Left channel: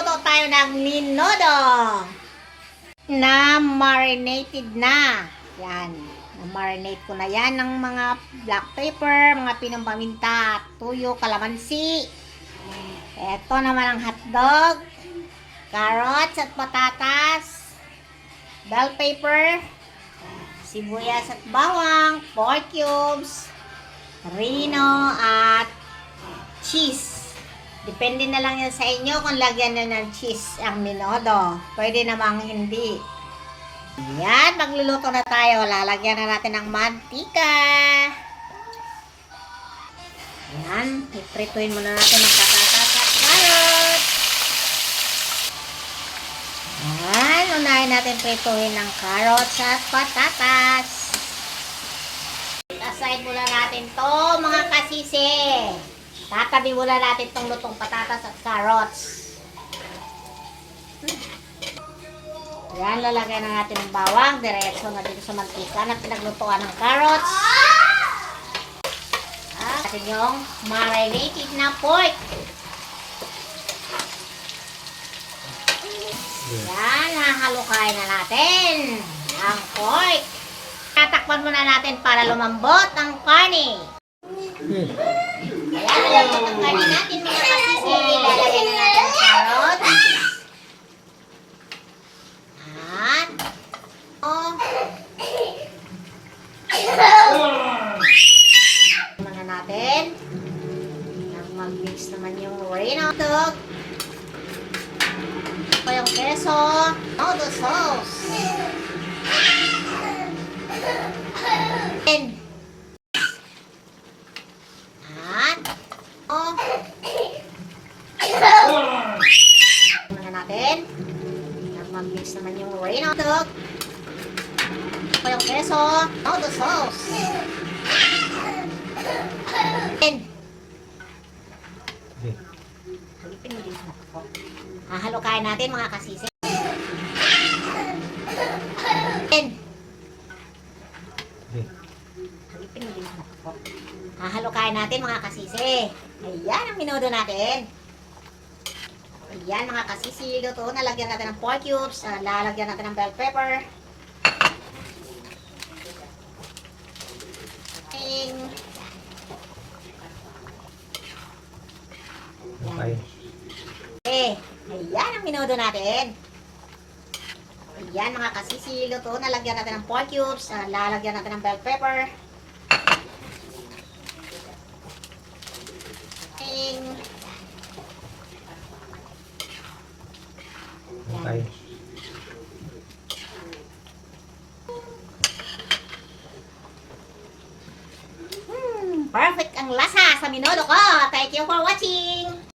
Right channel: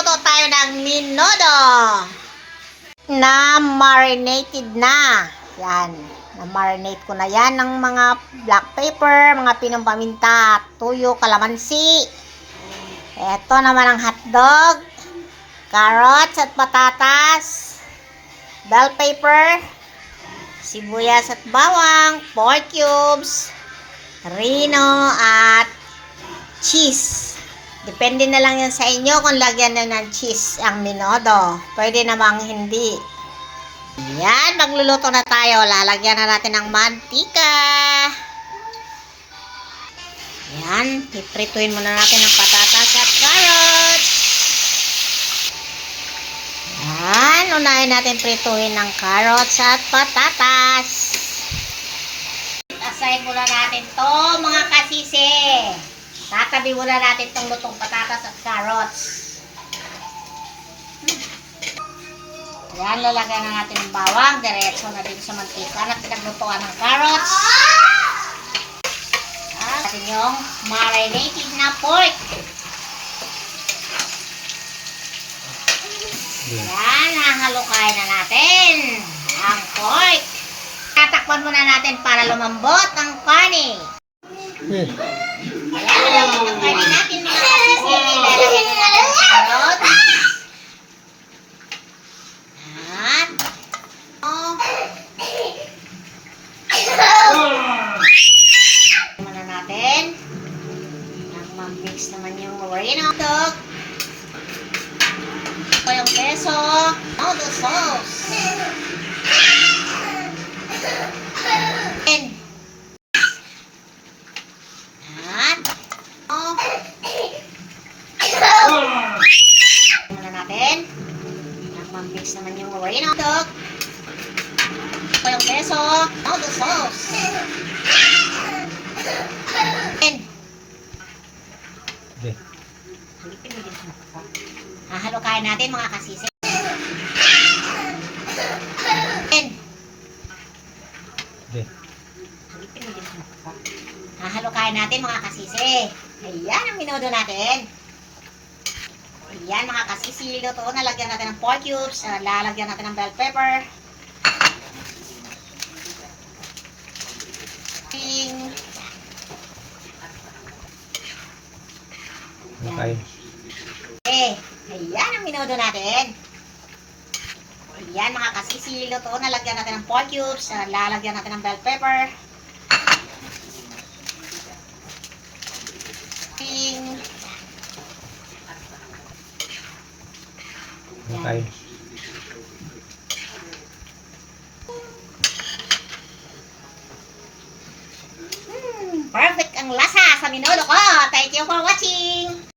magluluto tayo ng menudo na marinated na. Yan, na-marinate ko na yan ng mga black pepper, mga pinong paminta, tuyo, kalamansi. Ito naman ang hotdog, carrots at patatas, bell pepper, sibuyas at bawang, pork cubes, rino at cheese. Depende na lang yan sa inyo kung lagyan na ng cheese ang menudo. Pwede namang hindi. Yan, magluluto na tayo. Lalagyan na natin ng mantika. Yan, iprituin muna natin ang patatas at carrots. Yan, unahin natin prituin ng carrots at patatas. Aside muna natin to mga kasisi. Tatabi muna natin itong lutong patatas at carrots. Yan, lalagyan na natin ng bawang. Diretso na dito sa mantika na pinaglutuan ng carrots. At natin yung marinated na pork. Yan, hahalukain na natin ang pork. Tatakpan muna natin para lumambot ang karne. Ayan, lalagyan ng karne natin mga kasisi. Lalagyan na natin ang carrots. Muna natin. Mag-mix naman yung reno dog. Ito yung keso. Noodle sauce. And muna natin. Mag-mix naman yung reno dog. Ito yung keso. Noodle sauce. And hahalukain natin mga kasisi. And hahalukain natin mga kasisi. Ayan ang menudo natin. Ayan mga kasisi, luto na. Lagyan natin ng pork cubes. Lalagyan natin ng bell pepper. Okay. Ayan ang menudo natin. Ayan mga kasisi, luto na. Lagyan natin ng pork cubes. Lalagyan natin ng bell pepper. Okay. Perfect ang lasa sa menudo ko. Thank you for watching.